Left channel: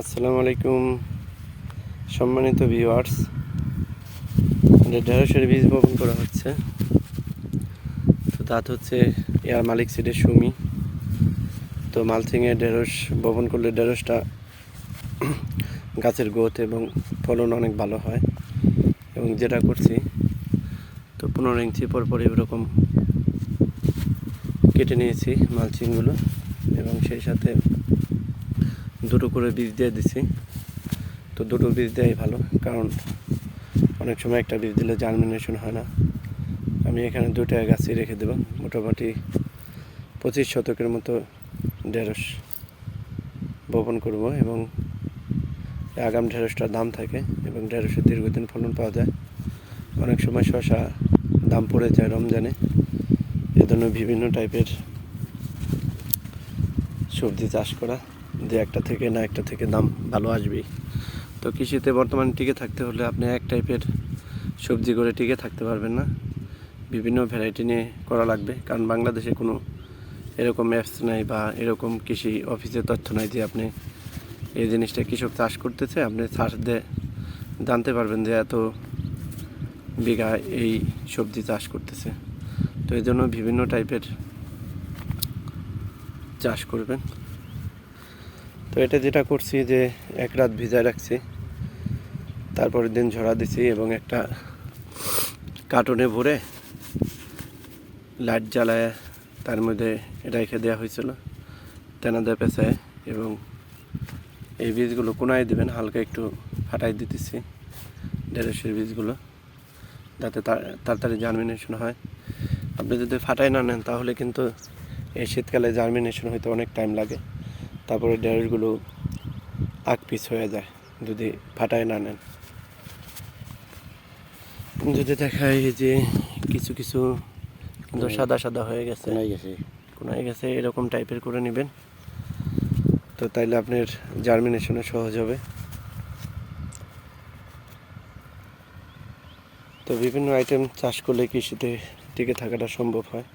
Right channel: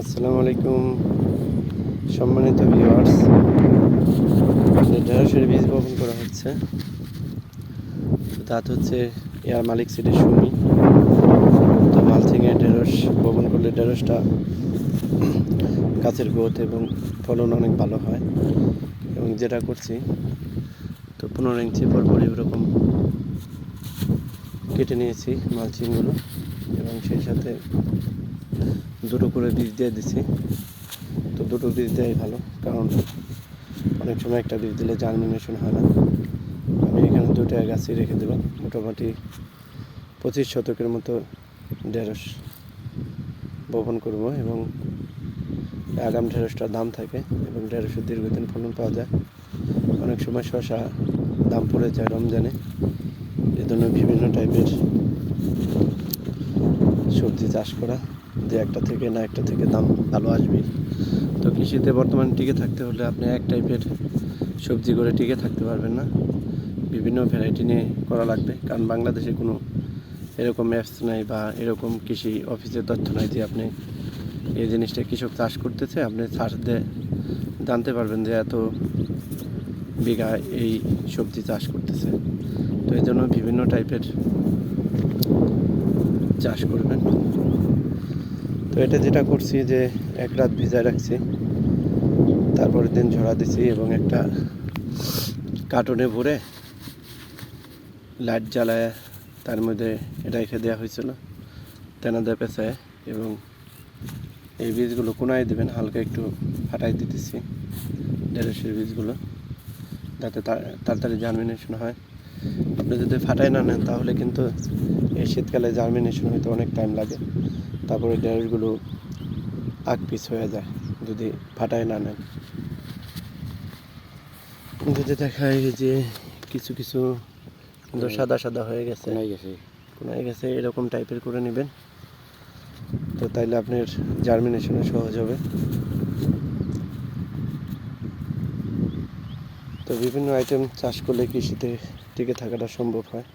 আসসালামু আলাইকুম, সম্মানিত ভিউয়ার্স ঢেঁড়সের বীজ বপন করা হচ্ছে, তো তাতে হচ্ছে এয়ার মালিক সিটের সুমি। তো মালচিংয়ে ঢেঁড়স, বপন করলে ঢেঁড়সটা গাছের গ্রোথ এবং ফলন অনেক ভালো হয়। এবং যেটা করছি, তো পনেরো ইঞ্চি পর পর এরকম কেটে নিয়েছি মালচিংগুলো। এবং সেই সাথে দুটো করে বীজ দিয়ে দিছি। তো দুটো বীজ দেওয়াই ভালো, কারণ অনেক সময় একটা বীজ দিলে জার্মিনেশন হয় না। আমি এখানে দুটো গাছই রেখে দেবো মোটামুটি পঁচিশ শতকের মতো ঢেঁড়স বপন করব এবং আগাম ঢেঁড়সটার দাম থাকে এবং ঢেঁড়সের দীর্ঘদিন ফলন পাওয়া যায়। অনেক সময় শশা দাম পড়ে যায় রমজানে, এজন্য বিভিন্ন টাইপের সবজি চাষ করা যে একটা থেকে না একটা থেকে দাম ভালো আসবেই। তো কৃষিতে বর্তমানে টিকে থাকতে হলে আপনি এক টাইপের সবজি করে টিকে থাকতে পারবেন না। বিভিন্ন ভ্যারাইটি নিয়ে করা লাগবে। কারণ বাংলাদেশে কোনো এরকম অ্যাপস নাই বা এরকম কৃষি অফিসের তথ্য নাই যে আপনি এই জিনিসটা কৃষক চাষ করতেছে, আপনি চাষ দিয়ে জানতে পারবেন যে এত বিঘা এই সবজি চাষ করতেছে। তো এই জন্য বিভিন্ন টাইপের চাষ করবেন। তো এটা যেটা করছি যে এক রাত ভিজায় রাখছি। তারপরের দিন ঝরা দিছি এবং একটা কার্টুনে ভরে লাইট জ্বালায় তার মধ্যে এটা রেখে দেওয়া হয়েছিল তেনাদা পেঁচায় এবং এই বীজগুলো কোনায় দেবেন, হালকা একটু ফাটাই দিতেছি ঢেঁড়সের বীজগুলো, যাতে তাড়াতাড়ি জার্মিনেশন হয়। আপনি যদি ফাটাই না নেন তাহলে কিন্তু এই শীতকালে জার্মিনেশন হইতে অনেক টাইম লাগে। তারপরে ঢেঁড়সগুলো আগ পিস হয়ে যায় যদি ফাটায় না নেন। যদি দেখায় যে কিছু কিছু কিন্তু সাদা সাদা হয়ে গেছে। কোনায় গেছে। এরকম টাইপের করে নেবেন। তো তাইলে আপনার জার্মিনেশনে সহজ হবে। তো বিভিন্ন আইটেম চাষ করলে কৃষিতে টিকে থাকাটা সম্ভব হয়।